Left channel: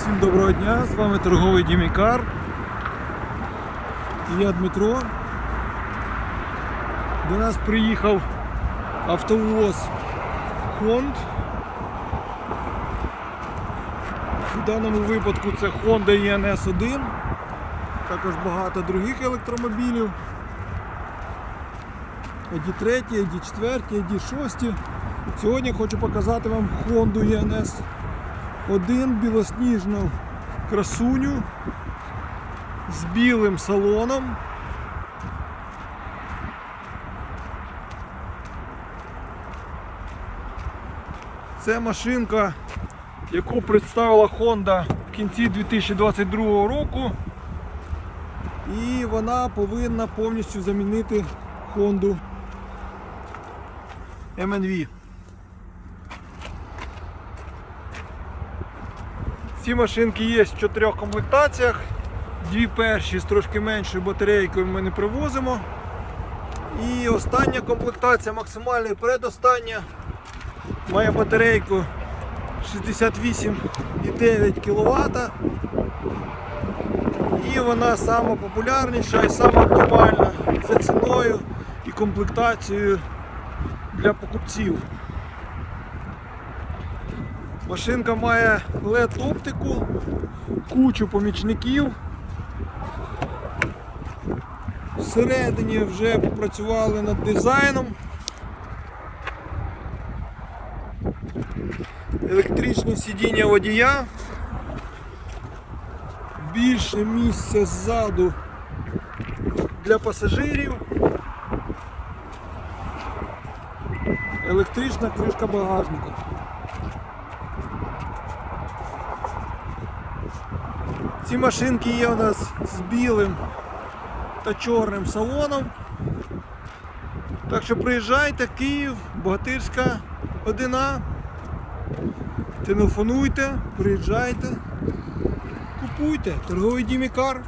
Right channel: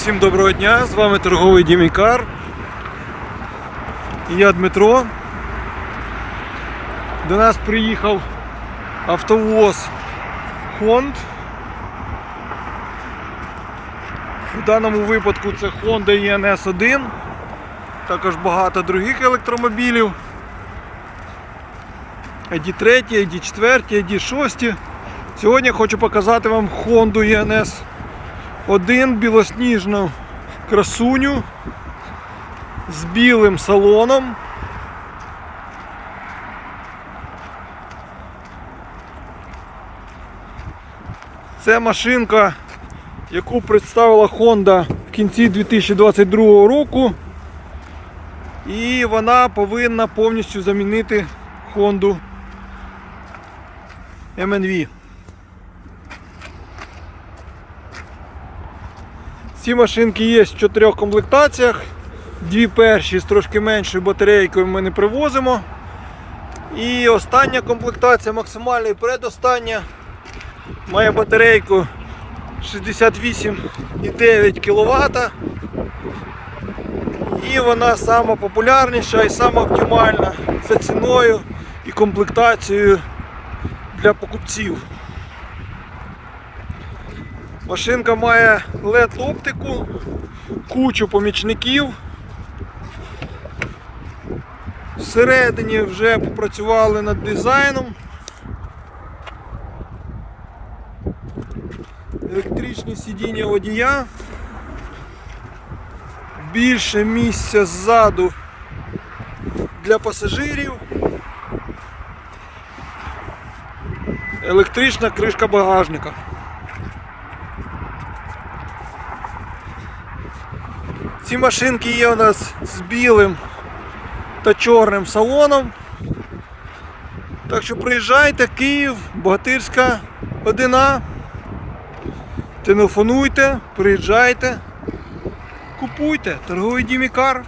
Всім доброго дня, з вами торговий Дімікар. І я Дмитро. До нас приїхав автовоз Хонд. У даному випадку це Honda ENS 1, також багато других електромобілів. ID3, ID4, ID6. Сьогодні хочу показати вам Honda ENS один білосніжну красуню з білим салоном. Це машинка, яку представила Honda в кінці 2022 року. І вона повинна повністю замінити Honda MNV. Ці машинки є в чотирьох комплектаціях. Дві перші з трошки меншою батарейкою ми не привозимо. І остання комплектація, максимальна і передостання, має батарейку 68,9 кВт. І вона сама популярніша і сама оптимальна за ціною і комплектацією для покупців. Машинка має LED оптику, кучу помічників. Всередині вже попрацювали над дизайном. Електричні сидіння водія. Більше місця ззаду для пасажирів. Електрична кришка багажника. Ці машинки є у нас з білим та чорним салоном. Так що приїжджайте, Київ, Богатирська 1А. Телефонуйте, приїжджайте, купуйте, торговий Дімікар.